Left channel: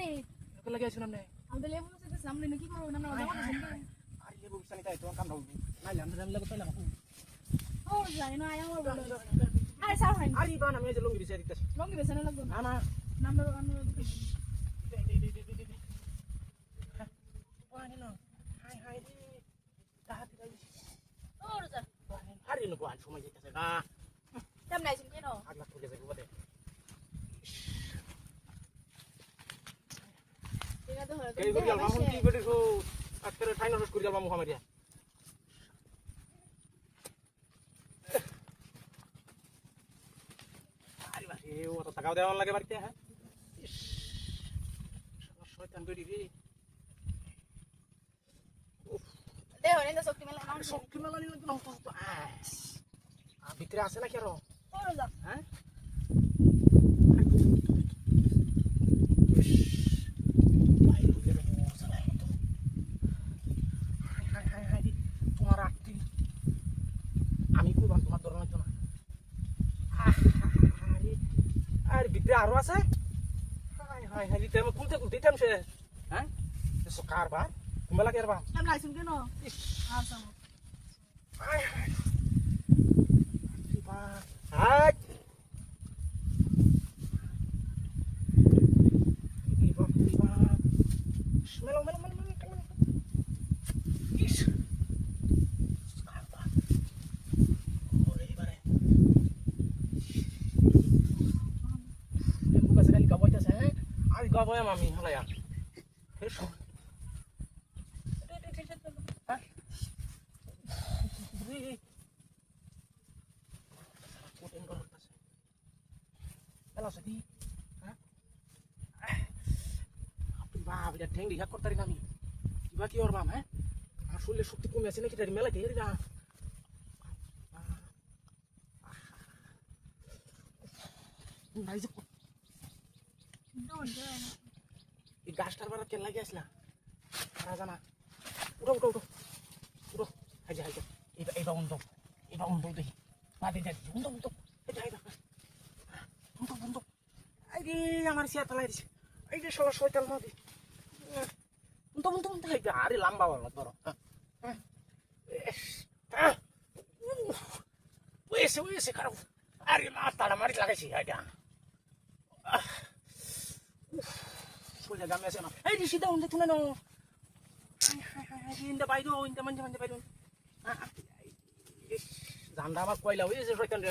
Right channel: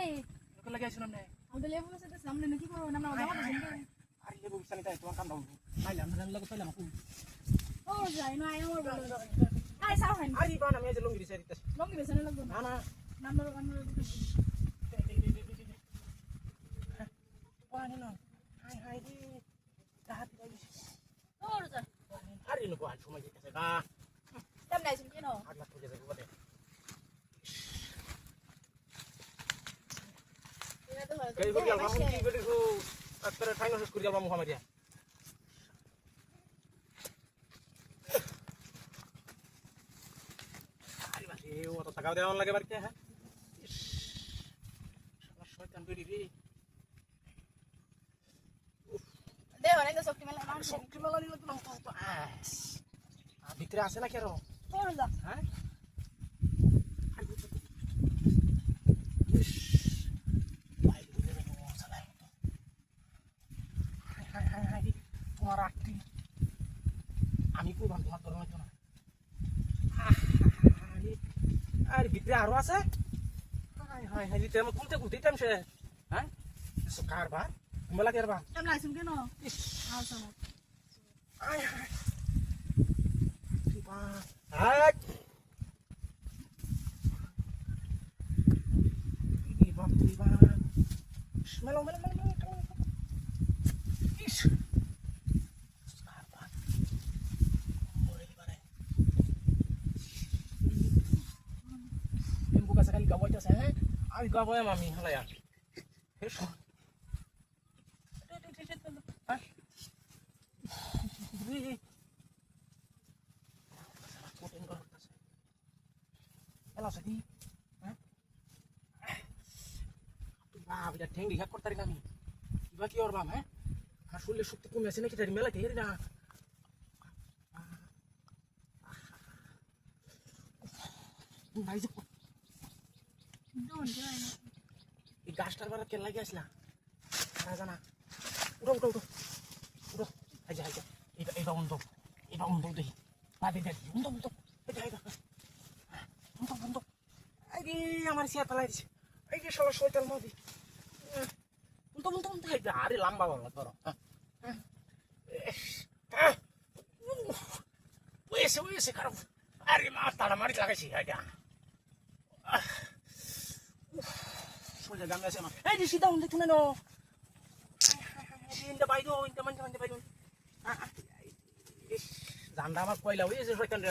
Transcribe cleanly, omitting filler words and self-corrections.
আপনি ওকে লাগে আইছিলাম না আমাদের লেবু সাথে সামনে নাকি করব না আমরা জামা দিবেন আরে লেবু বিছানি তাই তোমার কাম দাও নাইলে আমরা জানলে তো লাম ও যাই না আয় আমার বলো আরে সাও হাই আরে বান আমি যে লঙ্গি দিছি দিতেছি লঙ্গি বেছে না লাগবে না না নাম্বার পানি না হাই হাই রে তাহাতি গাইছি ও যা আরে নো কোন সময় যেতেছে গা কেমন আছেন কেন আগলা তুলে যাবে বটে এটা তো হয় এই ভিডিও মামু কি ভিডিও আজকে ঠাইনা শেষ করে যাবা মুহাম্মদিয়া আরে বাসে ও তো টাকা দেওয়া লাগে বাড়িতে হ্যাঁ শয়তান বেরি রে দেহ না শক্তি মেলা না শক্তি মেলা নিলে তো ভিতরে আছে নাকি আরো ও যা হ্যাঁ তোমার আকটি আমি করবাম তোমার ধরনের জন্য আরে ভিতরে আরো আছে হাই হাই হাই দিতে আমি কুলতে কুলতে দিতাম সে হ্যাঁ কারবার কুম্বালা কারবার কেমন আছেন কেন আচ্ছা high high high Melo, melo, melo, melo, melo. Isso. Scarpa. Boleh di mana? Yang buka sekali gaboy tas saya. Ari gaboy mami hala ya. Eso. Hah? Beri. Masalah koten kalau tas. Elah sedih. বাপ এটা ঠ্যাং রিঘাত করতে পারি আমি কিবা কি ওর বাপ হ্যাঁ আমার শরীরের শক্তি কমে আছে নাকি তার মেলাতে হেরে না এই গাছটার বার কেন লাগে আসলা জানা উঠো উঠো উঠো উঠো হাইজা হাইজা এটা অন্ধ দেখি না দেখি অন্ধ এটা হাইজা অন্ধ আরে আমার সিয়া ফেলাই দিছে এই যে শালা শয়তান মাদি untung hari lamba banget bro. Wes sekarang hari mata lah mari lagi sih aja. Sudah gamnya sih mah. Di sini dah untuk tunan no. Indah bayi do, indah manja bayi do. Zanda mah kuai lah, wes sesuai kan dia.